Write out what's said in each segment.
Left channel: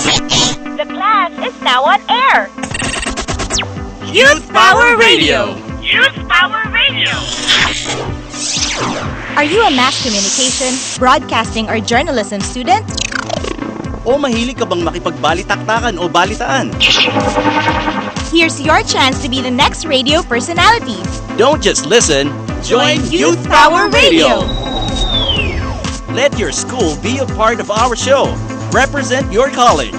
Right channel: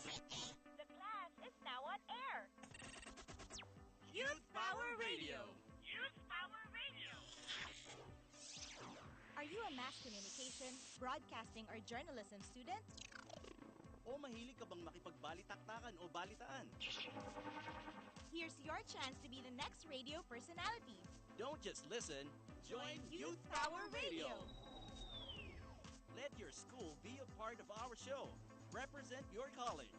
The class is now on air. Youth Power Radio. Youth Power Radio. Are you a mass communication, broadcasting, or journalism student? O mahilig ka bang makipagbalitaktakan o balitaan? Here's your chance to be the next radio personality. Don't just listen, join Youth Power Radio. Let your school be a part of our show. Represent your college.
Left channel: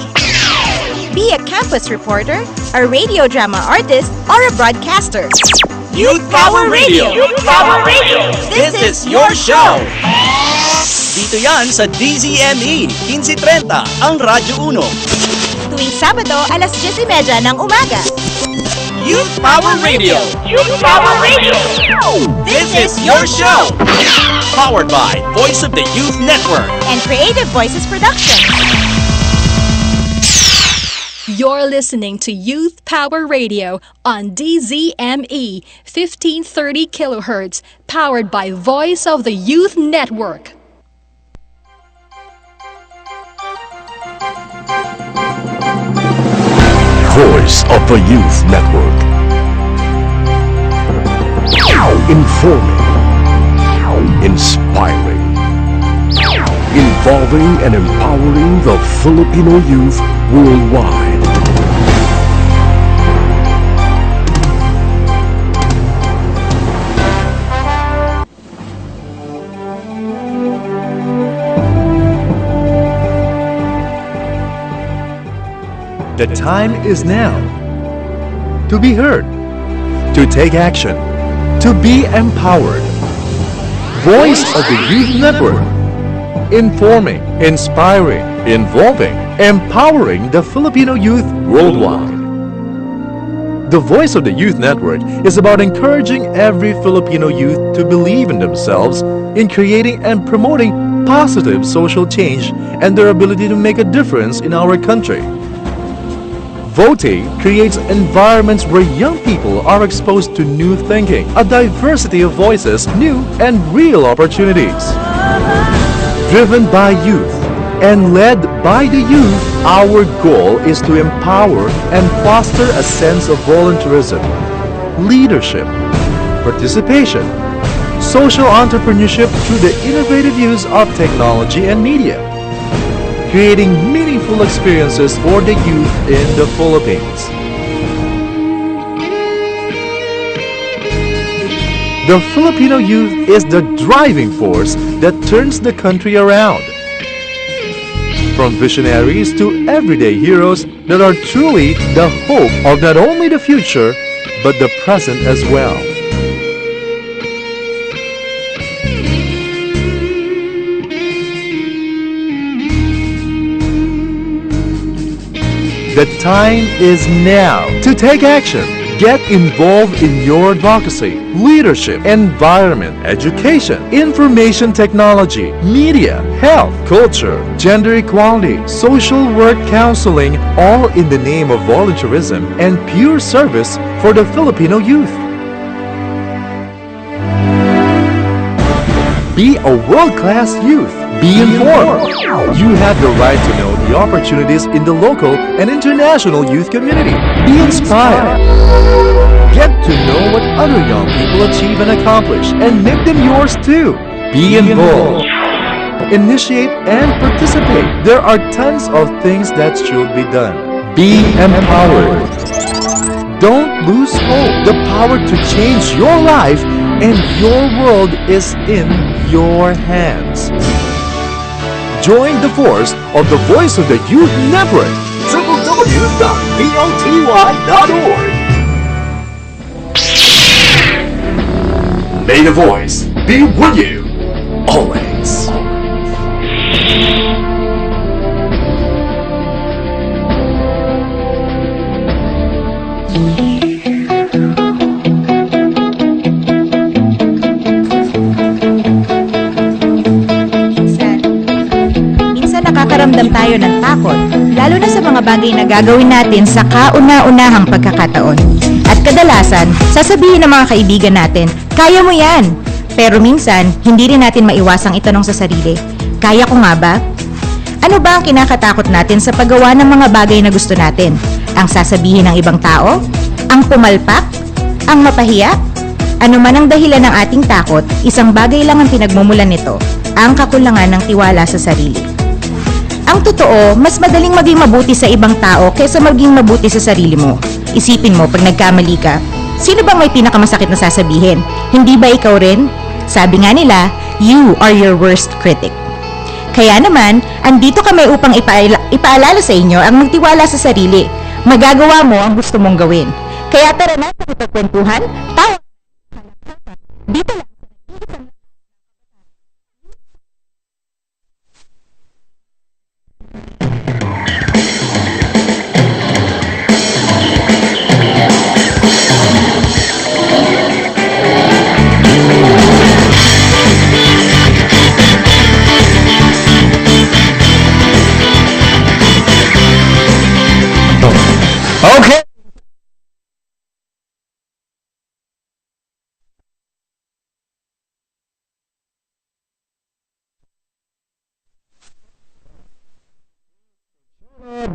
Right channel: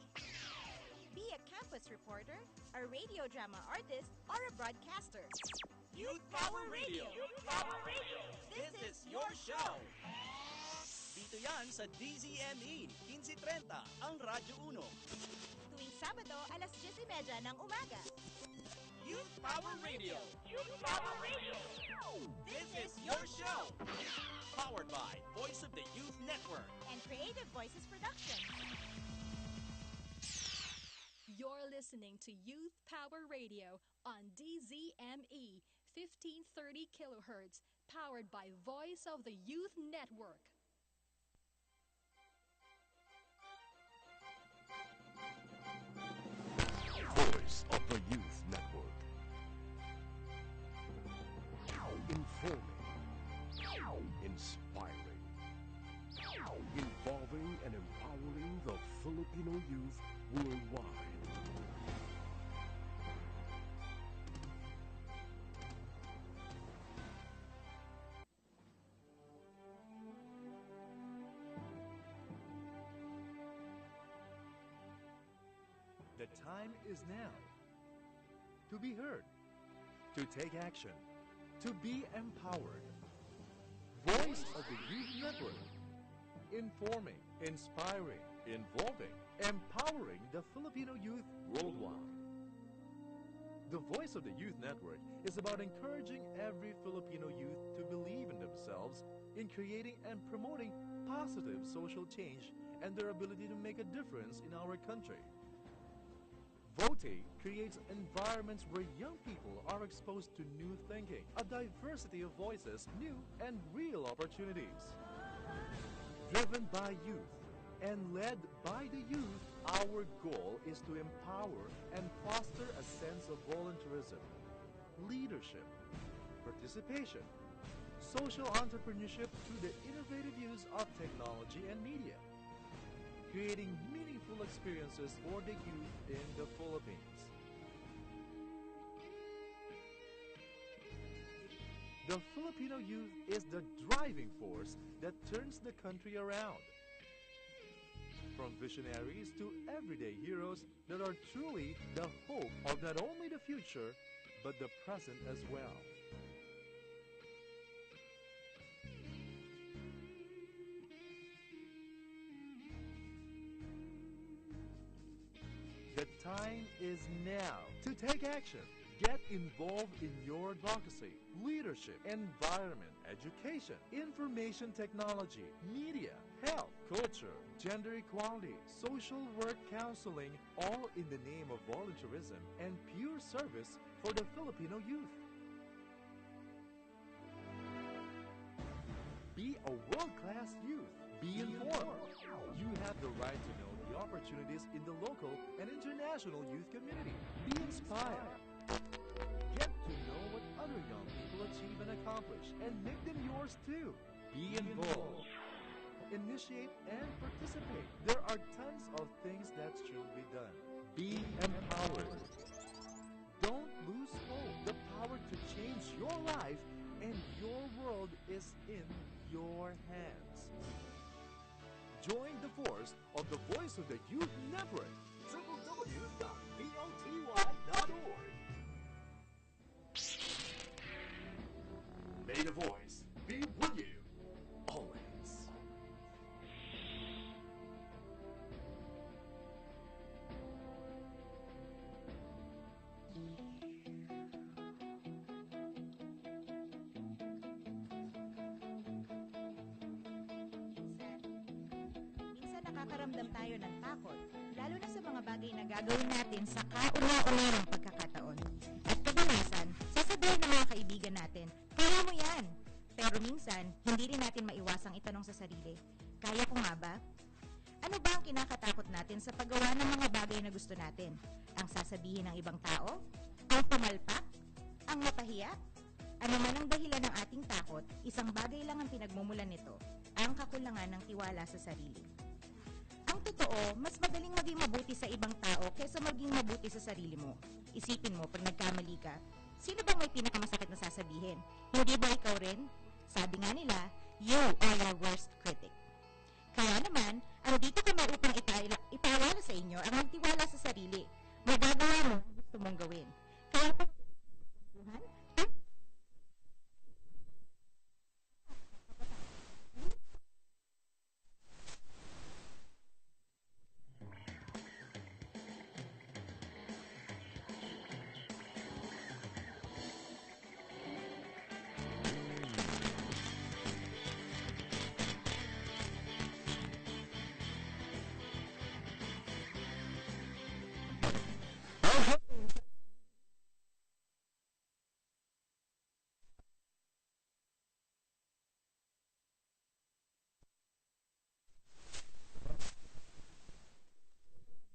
Be a campus reporter, a radio drama artist, or a broadcaster. Youth Power Radio. Youth Power Radio. This is your show. Dito yan sa DZME 1530, ang Radyo 1. Tuwing Sabado, alas 10:30 ng umaga. Youth Power Radio. Youth Power Radio. This is your show. Powered by Voice of the Youth Network And Creative Voices Production. You're listening to Youth Power Radio on DZME 1530 kilohertz, powered by Voice of the Youth Network. Voice of the Youth Network. Informing, inspiring, involving and empowering the Filipino youth worldwide. The time is now to be heard, to take action, to be empowered. Voice of the Youth Network. Informing, inspiring, involving, empowering the Filipino youth worldwide. The Voice of the Youth Network is about encouraging every Filipino youth to believe in themselves, in creating and promoting positive social change and their ability to make a difference in our country. VOTE creates environments where young people are exposed to new thinking, a diversity of voices, new and real opportunities. Driven by youth and led by the youth, our goal is to empower and foster a sense of volunteerism, leadership, participation, social entrepreneurship through the innovative use of technology and media, creating meaningful experiences for the youth in the Philippines. The Filipino youth is the driving force that turns the country around. From visionaries to everyday heroes that are truly the hope of not only the future, but the present as well. The time is now to take action. Get involved in your advocacy, leadership, environment, education, information technology, media, health, culture, gender equality, social work counseling, all in the name of volunteerism and pure service for the Filipino youth. Be a world-class youth. Be informed. You have the right to know the opportunities in the local and international youth community. Be inspired. Get to know what other young people achieve and accomplish and make them yours too. Be involved. Initiate and participate. There are tons of things that should be done. Be empowered. Don't lose hope. The power to change your life and your world is in your hands. Join the force of the Voice of the Youth Network. www.voty.org. May the voice be with you always. Minsan nakakaramdam tayo ng takot, lalo na sa mga bagay na gagawin natin sa kauna-unahang pagkakataon. At kadalasan, sasabihin ng mga kaibigan natin, kaya mo yan. Pero minsan, hindi rin natin maiwasang itanong sa sarili, kaya ko nga ba? Ano ba ang kinakatakot natin sa paggawa ng mga bagay na gusto natin? Ang sasabihin ng ibang tao? Ang pumalpak? Ang mapahiya? Ano man ang dahilan ng ating takot, isang bagay lang ang pinagmumulan nito, ang kakulangan ng tiwala sa sarili. Ang totoo, mas madaling maging mabuti sa ibang tao kaysa maging mabuti sa sarili mo. Isipin mo, pag nagkamali ka, sino bang may pinakamasakit na sasabihin? Hindi ba ikaw rin? Sabi nga nila, you are your worst critic. Kaya naman, andito kami upang ipaalala sa inyo ang magtiwala sa sarili. Magagawa mo ang gusto mong gawin. Kaya tara na sa ipagkwentuhan, tawa. Dito lang. Okay.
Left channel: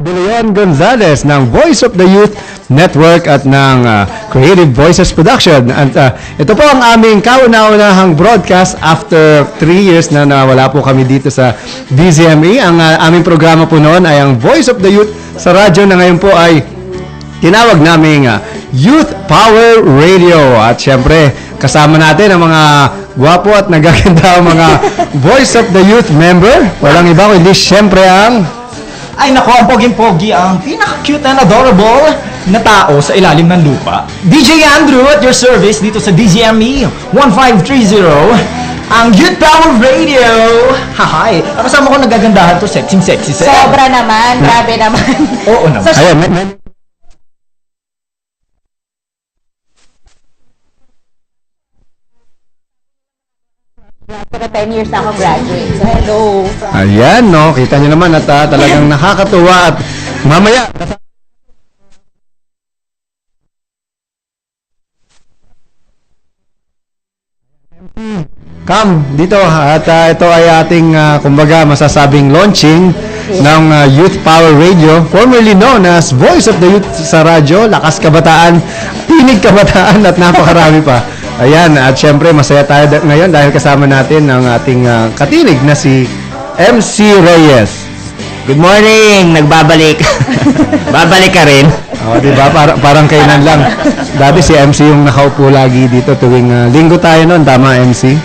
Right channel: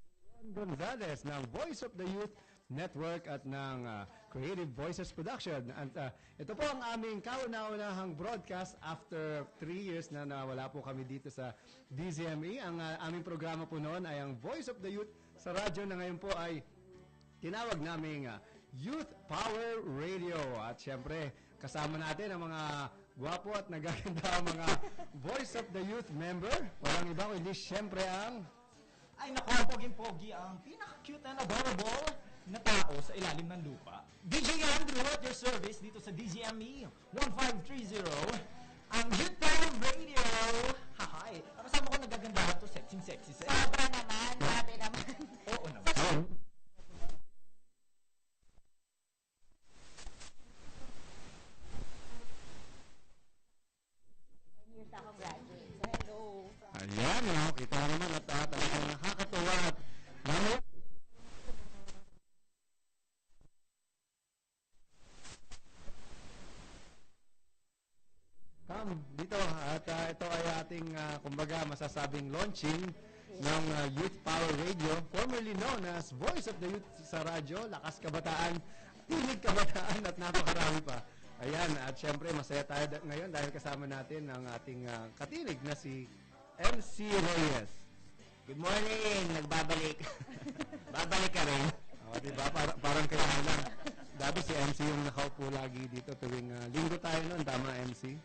Leon Gonzalez ng Voice of the Youth Network at ng Creative Voices Production. At ito po ang aming kauna-unahang broadcast after 3 years na nawala po kami dito sa DZME. Ang aming programa po noon ay ang Voice of the Youth sa radyo na ngayon po ay tinawag naming Youth Power Radio. At syempre, kasama natin ang mga gwapo at nagaganda mga Voice of the Youth member. Walang iba kundi syempre ang... Ay nako, ang poging-pogi, ang pinaka-cute and adorable na tao sa ilalim ng lupa. DJ Andrew at your service dito sa DZME 1530, ang Youth Power Radio. Hahay, kasama ko nagagandahan to, sexy. Sobra naman, grabe naman. Oo naman. So, Ayan, Pero 10 years na ako graduate. So, hello. Ayan, no? Kita nyo naman at talagang nakakatuwa at mamaya... Come dito at ito ay ating kumbaga masasabing launching ng Youth Power Radio, formerly known as Voice of the Youth sa radyo, Lakas Kabataan, Tinig Kabataan at napakarami pa. Ayan, at syempre masaya tayo ngayon dahil kasama natin ang ating katinig na si MC Reyes. Good morning! Nagbabalik. Babalik ka rin. Oh, di ba? Parang kailan lang. Dati si MC yung nakaupo lagi dito tuwing linggo tayo noon, tama MC?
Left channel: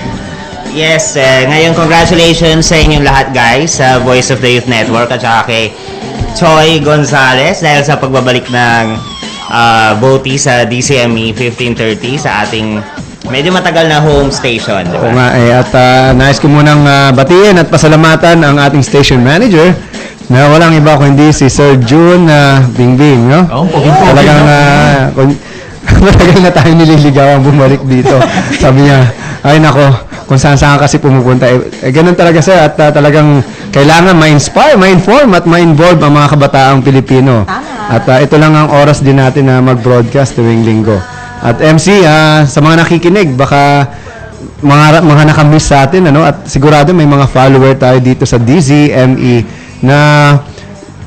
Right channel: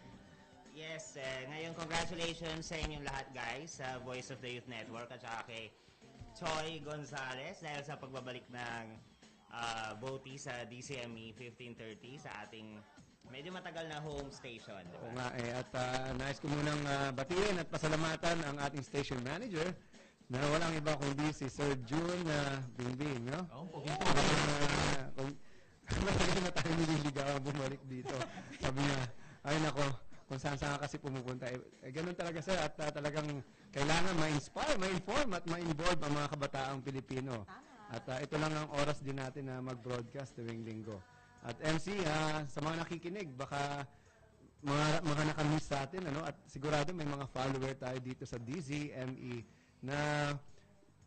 Yes, ngayon congratulations sa inyong lahat guys sa Voice of the Youth Network at saka kay Choi Gonzalez dahil sa pagbabalik ng Boti sa DCME 1530 sa ating medyo matagal na home station. Diba? Oo nga at nais ko munang batiin at pasalamatan ang ating station manager na walang iba kundi si Sir June Bingbing, no? Oh, poging-pogi, talagang matagal na tayo nililigawan bumalik dito. Sabi niya, ay nako, kung saan-saan kasi pumupunta. Ganun talaga siya at talagang kailangan ma-inspire, ma-inform at ma-involve ang mga kabataang Pilipino. At ito lang ang oras din natin na mag-broadcast tuwing linggo. At MC, sa mga nakikinig, baka mga nakamiss sa atin, ano? At sigurado may mga follower tayo dito sa DZME na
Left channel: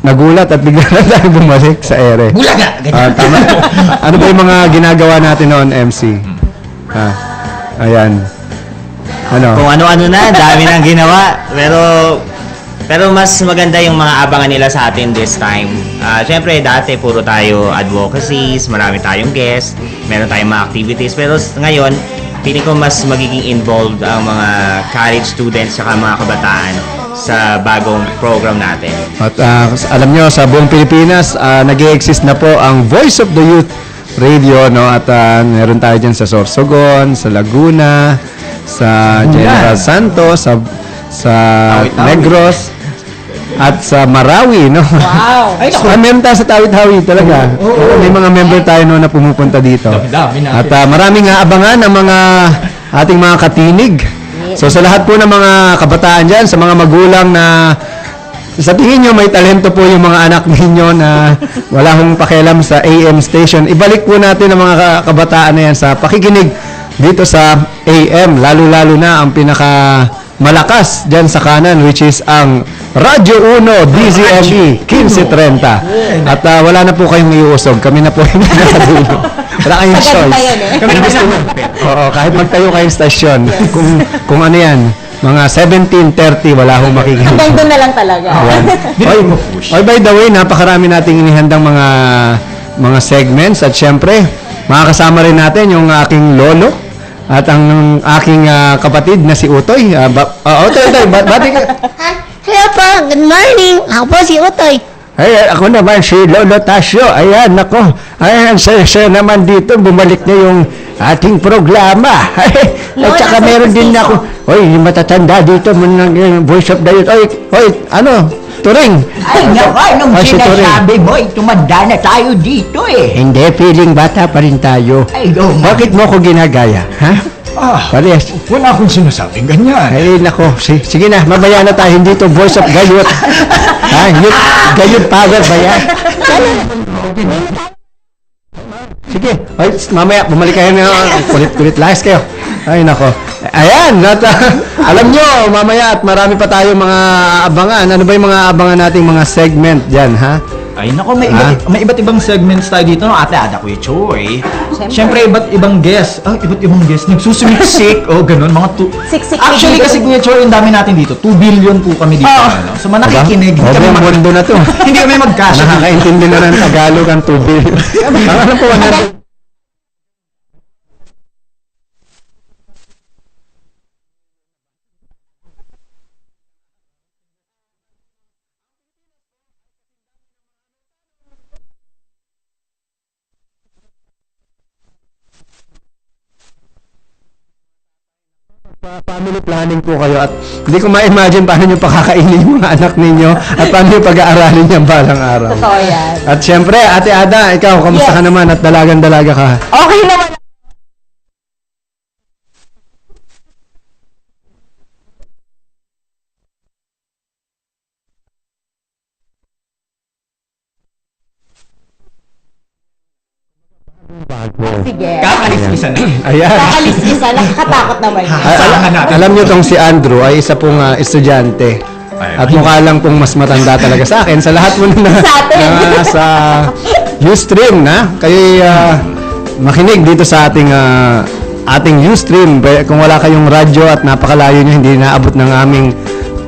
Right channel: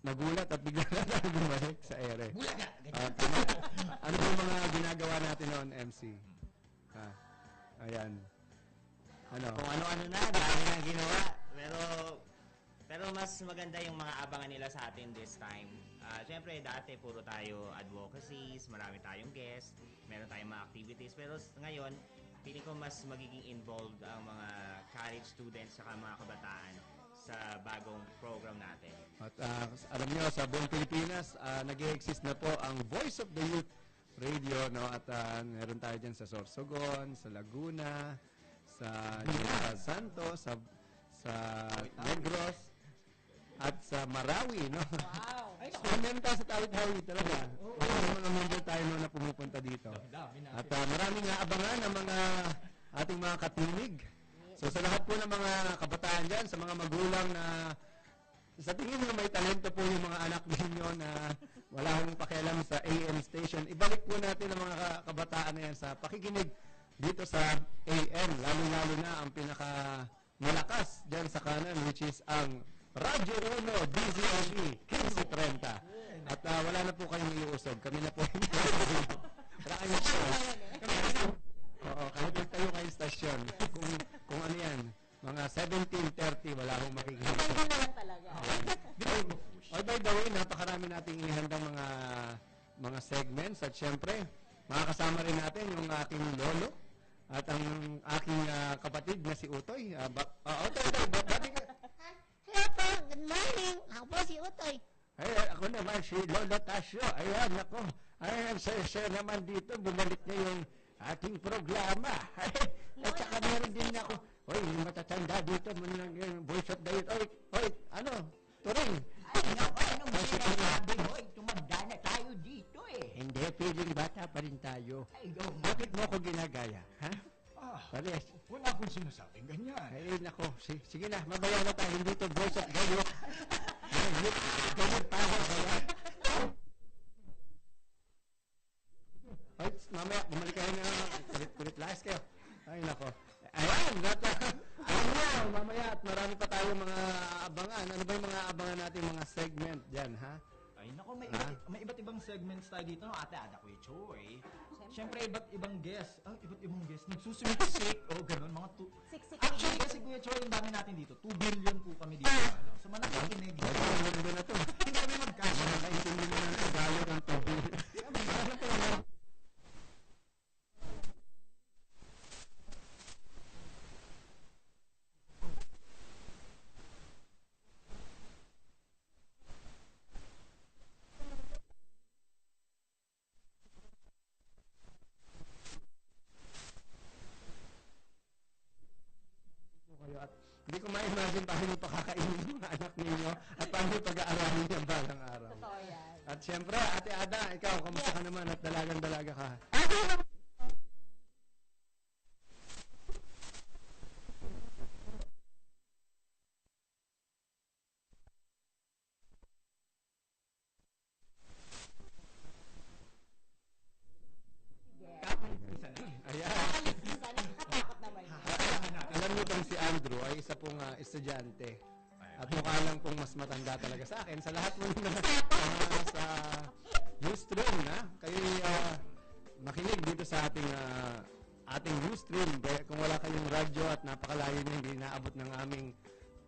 nagulat at bigla na tayo bumalik sa ere. Bulaga! Tama. Ano ba yung mga ginagawa natin noon, MC? Ayan. Ano? Kung ano-ano na, dami nang ginawa. Pero mas maganda yung mga abangan nila sa atin this time. Siyempre, dati puro tayo advocacies, marami tayong guests, meron tayong mga activities. Pero ngayon, feeling ko mas magiging involved ang mga college students at mga kabataan sa bagong program natin. At alam nyo, sa buong Pilipinas, nag-i-exist na po ang Voice of the Youth Radio, no? At meron tayo dyan sa Sorsogon, sa Laguna, sa General Santos, sa Negros, at sa Marawi, no? Wow! Ay, naku. Meron tayo sa Tawid-Hawi talaga. May mga member tayo no, na pumupunta dito. Dami natin. At maraming abangan ang mga ating mga katinig. So sa lahat po ng mga kabataan dyan, sa mga magulang na sa tingin nyo may talento po yung mga anak ninyo na wala hong pakialam sa AM station, ibalik po natin ang mga kabataan na yan sa pakikinig dito sa AM, lalo-lalo na ang pinaka malakas dyan sa kanan, which is ang Radyo 1 DZME 1530. At wala na po kayong iuusog. Kami na po yung nakadulo. Wala kayong choice. Kami na gusto mo. Oo, kahit magtayo kayong stasyon. Kung ano yan, mga 17:30, wala akong makikita. Hanggang doon na lang talaga. Oy, by the way, napakarami nating inihandang mga segments at syempre, makakasama rin natin yung aking lolo at ang aking kapatid na si Utoy. Utoy, bati ka. Hello po, good morning. Ako po si Utoy. Ay, ako naman si Lolo Tasio. Ayan, ako. Ayan, saya naman dito. Bumalik na yung ating programa. At saka meron din ako. Oy, yung matatanda dito. Voice of the Youth. Oy, ano? Turing. Ay, nung si Turing. sinasabi mo, tumanda na tayo dito eh. Hindi, feeling bata pa rin tayo. Ay, Bakit mo ko ginagaya? Ha? Parehas. Wala akong sinasabing ganyan. Ay, nako. Sige na, mamaya na tayo. Hindi to Voice of Gayot. Ha? Gayot power ba yan? Sige. Ay, mamaya, bumalik kayo na. Kulit-kulit lahis kayo. Ay, nako. Ayan. Alam nyo, mamaya at marami pa tayo mga abangan. Ano ba yung mga abangan nating mga segment dyan, ha? Ay, nako, may iba't ibang segments tayo dito, no? Ate Ada, Kuya Choy. Siyempre, iba't ibang guest. Iba't ibang guest. Nagsusumiksik. Ganun. Siksik. Actually, kasi Kuya Choy, ang dami natin dito. 2 billion po kami dito. Ano? So, nakikinig. Ang mundo na to. Hindi kami magkasya. Nakakaintindi na ng Tagalog ang tubig. Ano po, family planning po kayo at hindi ko ma-imagine paano nyo pakakainin yung mga anak ninyo at paano nyo pag-aaralin yung balang araw. Totoo yan. At syempre, Ate Ada, ikaw, kamusta ka naman at dalagan-dalaga ka? Okay naman. Sige. Kakaliskisan na. Ayan. Kakaliskisa, nakakatakot naman yun. Alam nyo tong si Andrew ay isa pong estudyante. At mukha lang pong mas matanda talaga sa akin. Sa lahat mo na sa Ustream na. Kayo'y makinig dito sa ating Ustream. Kung wala kayong radyo at napakalayo nyo, hindi naabot ng aming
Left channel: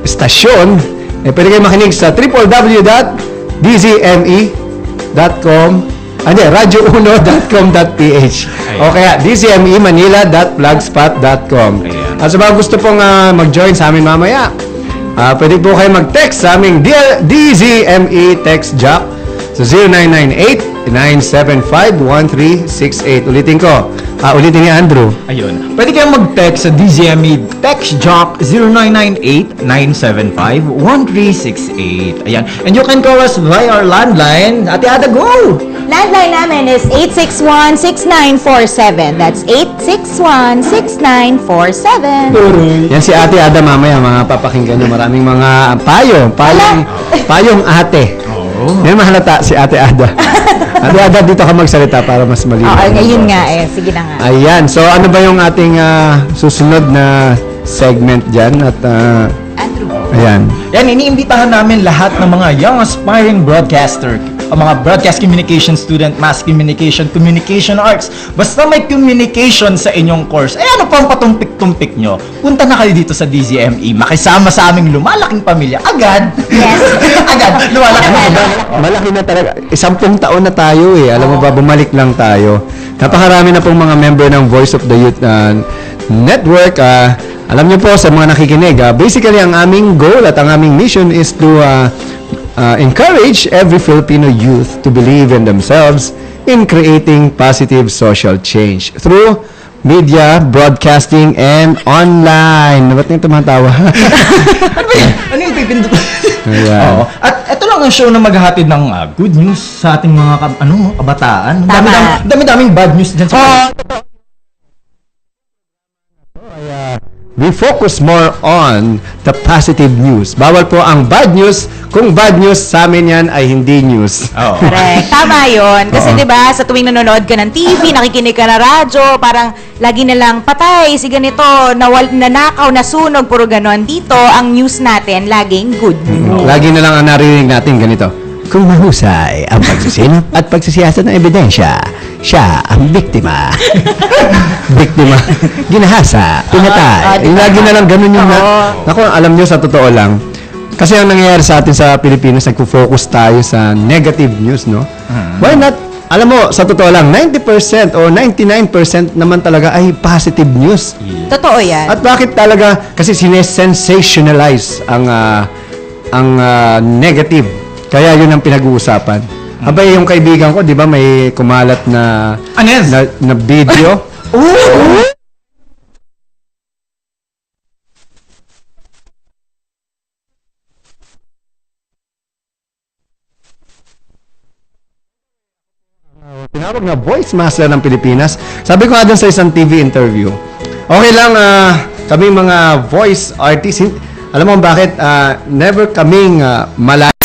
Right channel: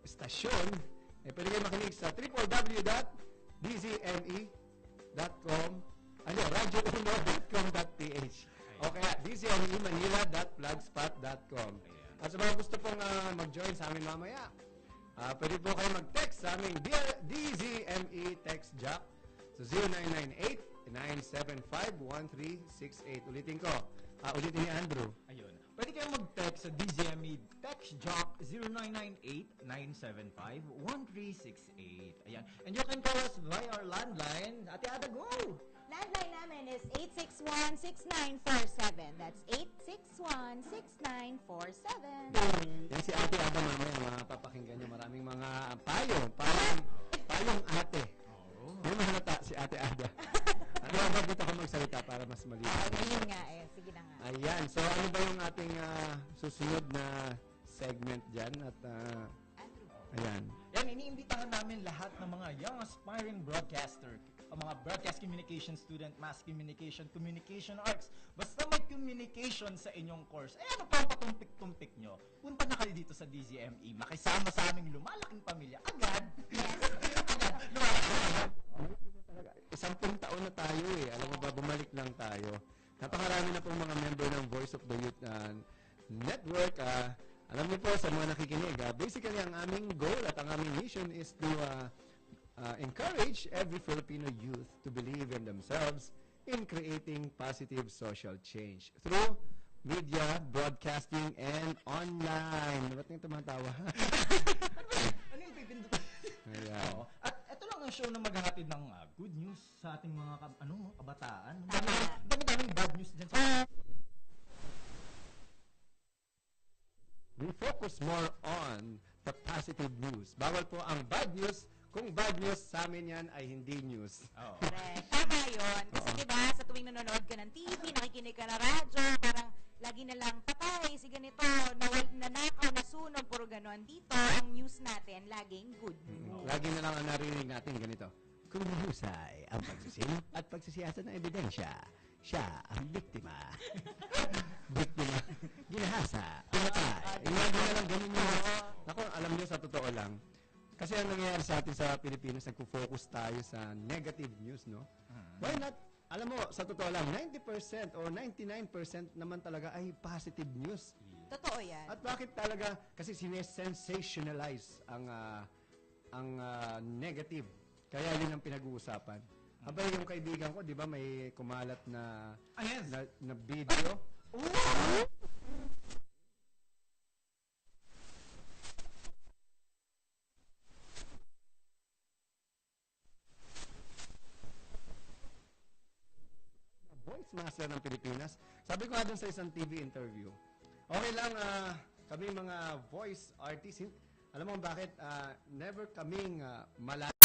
stasyon, pwede kayo makinig sa www.dzme.com radio1.com.ph o kaya dzmemanila.blogspot.com. At sa mga gusto pong mag-join sa amin mamaya, pwede po kayo mag-text sa aming DZME text jock sa 0998-975-1368. Ulitin ko. Ulitin ni Andrew. Ayun. Pwede kayong mag-text sa DZME text jock 0998-975-1368. Ayan. And you can call us via our landline. Ate Ada, go! Landline namin is 861-6947. That's 861-6947. Yan si Ate Ada mamaya, mga papakinggan nyo. Maraming mga payong ate. Yan mahalata si Ate Ada. Ate Ada, dito ka magsalita para mas malinaw. Ayun nga Sige na nga. Ayan. So, ano ba yung ating susunod na segment dyan? At, Andrew. ayan. Yan, iniimbitahan namin lahat ng mga young aspiring broadcaster, mga broadcast communication student, mass communication, communication arts. Basta may communication sa inyong course, ano pang patumpik-tumpik nyo? Punta na kayo dito sa DZME. Makisama sa aming lumalaking pamilya. Agad. Yes. Agad. Lumalaking pamilya. Malaki na talaga. 10 taon na tayo eh. Alam mo ba, bumalik lang tayo. Napakarami na pong mga member ng Voice of the Youth Network. Alam niyo po sa mga nakikinig, basically ang aming goal at ang aming mission is to encourage every Filipino youth to believe in themselves in creating positive social change through media, broadcasting, and online. Ba't niyo tumatawa? Ano yung pipindot? Ayan. At ito lang ang show na maghahatid ng good news sa ating mga kabataan. Dami-daming bad news dyan sa we focus more on the positive news. Bawal po ang bad news. Kung bad news, sa amin yan ay hindi news. Oo. Correct. Tama yun. Kasi Oo. 'di ba sa tuwing nanonood ka ng TV, nakikinig ka na radyo, parang lagi na lang patay, si ganito, nanakaw, nasunog, puro ganon. Dito, ang news natin, laging good news. Lagi na lang ang narinig natin ganito. Kung mahusay ang pagsisinop at pagsisiyasat ng ebidensya, siya ang biktima. Biktima. Ginahasa. Pinatay. Lagi na lang ganun yung Naku, alam nyo, sa totoo lang, kasi ang nangyayari sa atin sa Pilipinas, nagpo-focus tayo sa negative news, no? Why not? Alam mo, sa totoo lang, 90% o 99% naman talaga ay positive news. Totoo yan. At bakit talaga? Kasi sinesensationalize ang negative. Kaya yun ang pinag-uusapan. Abay, yung kaibigan ko, di ba, may kumalat na Ano yan? na video. Tinawag na voice master ng Pilipinas. Sabi ko nga dun sa isang TV interview, okay lang, kami mga voice artists, alam mo bakit, never kaming malayo